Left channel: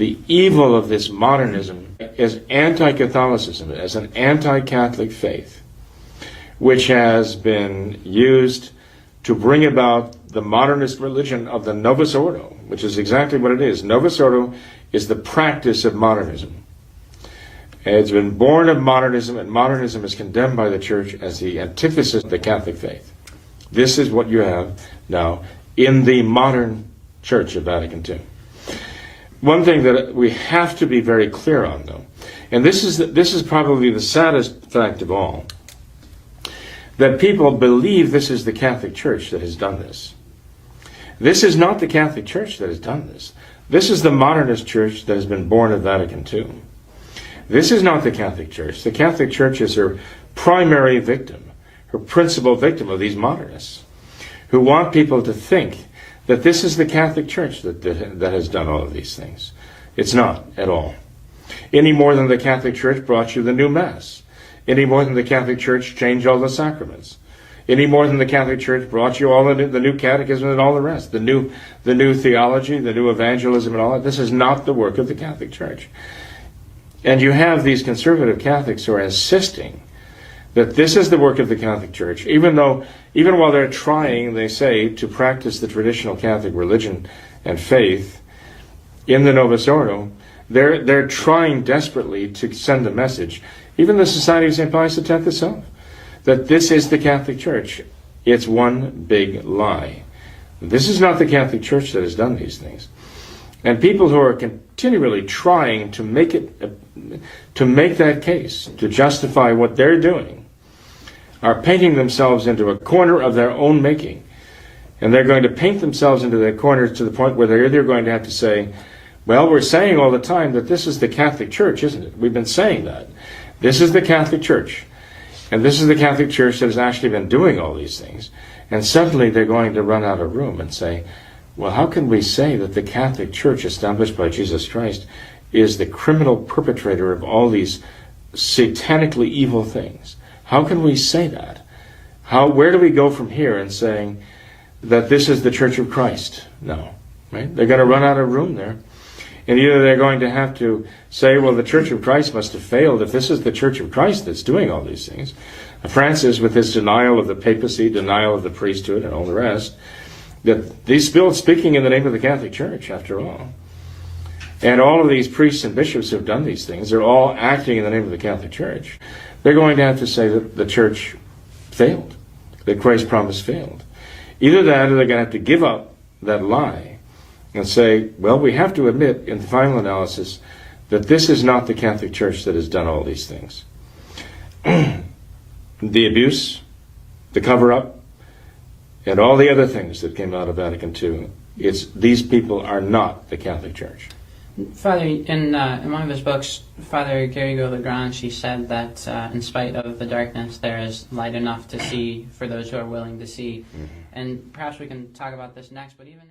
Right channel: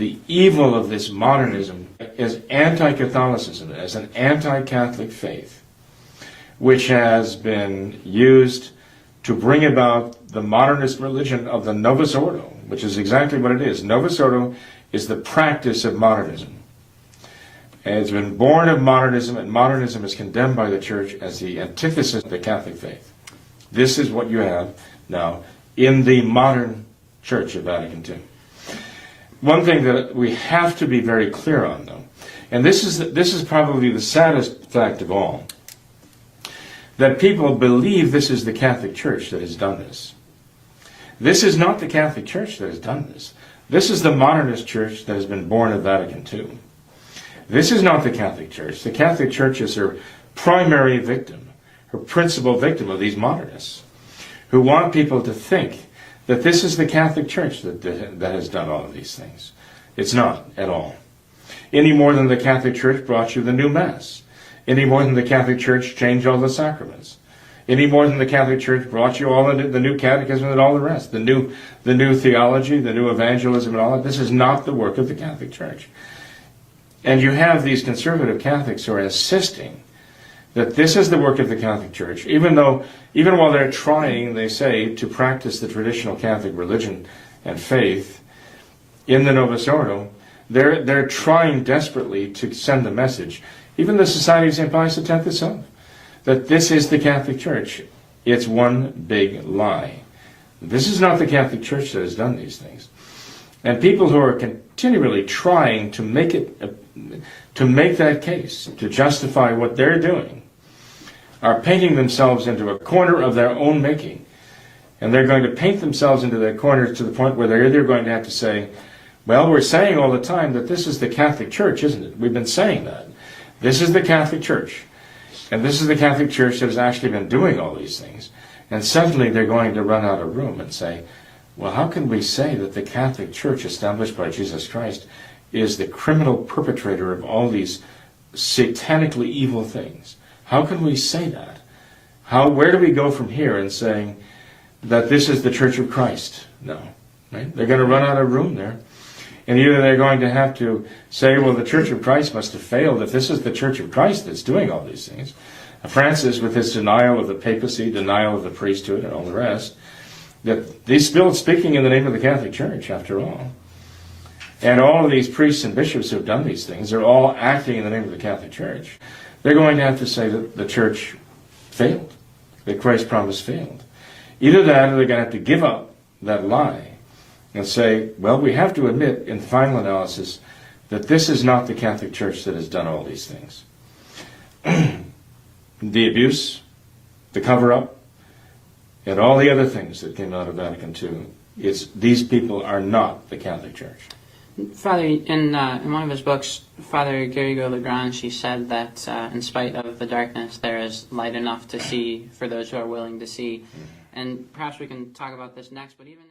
the evil of this modernism as anti-Catholicism, as an anti-Catholic faith, which has been used to bring about the modernist religion of the Novus Ordo, which is exactly what it is. Novus Ordo is the practice of modernism. It's been born of modernism, and modernism is condemned by the Church as the antithesis of the Catholic faith. This is what you have now in the modern Church of Vatican II. One thing that we have to be very clear on, though, and this is probably the saddest fact of all, that people believe this is the Catholic Church that has done this. This is not the Catholic Church that has done this. This is the modernist church that has been born of Vatican II. This is not the Catholic Church. The Catholic Church is her primary victim, her principal victim of these modernists, who want people to think that this is the Catholic Church that has done all of these things. It's not at all. Any more than the Catholic Church brought you the new Mass. Any more than the Catholic Church changed all the sacraments. Any more than the Catholic Church brought you all the new catechism and all the rest. The new theology, the new evangelism and all that. This is not the work of the Catholic Church. And you have these conservative Catholics who are insisting that this is the work of the Catholic Church, even while they're trying, they say, to practice the traditional Catholic religion and faith in the Novus Ordo, they're trying desperately to send the message, even the Society of St. Pius X itself, that this is the Catholic Church. It's one big lie. This is not the Catholic Church that has done these things. And people who are continually trying to make that case, to justify what they're doing, are painting themselves into a corner of their own making. And they're going to paint themselves into the corner to the point where they're either going to have to say, well, we're saying all the time that this is the Catholic Church, isn't it? We've been saying that. This is the Catholic Church. And this is the Catholic Church that has actually been doing all these things. And suddenly they're going to run out of room and say, well, how can we say that the Catholic Church established by Jesus Christ is the criminal perpetrator of all these satanically evil things? How can we say that? Where do we go from here in saying that this is the Church of Christ? No, right? They're going to run out of room there. And either they're going to have to say, well, the Church of Christ must have failed if this is the Church of Christ that's doing all these things. Francis, with his denial of the papacy, denial of the priesthood, and all the rest, that he's still speaking in the name of the Catholic Church, after all. And all of these priests and bishops who have done these things, they're all acting in the name of the Catholic Church. They're going to have to say that the Church failed, that Christ's promise failed. Either that, or they're going to have to give up that lie and say, well, we have to admit in the final analysis that this is not the Catholic Church that has done all these things. The abuse, the cover-up, and all the other things that came out of Vatican II, these people are not the Catholic Church. Father, in one of his books, Father Garrigou-Lagrange, he said that in spite of the darkness, there is light enough to see for those who are willing to see. And perhaps we can talk about this next, but even...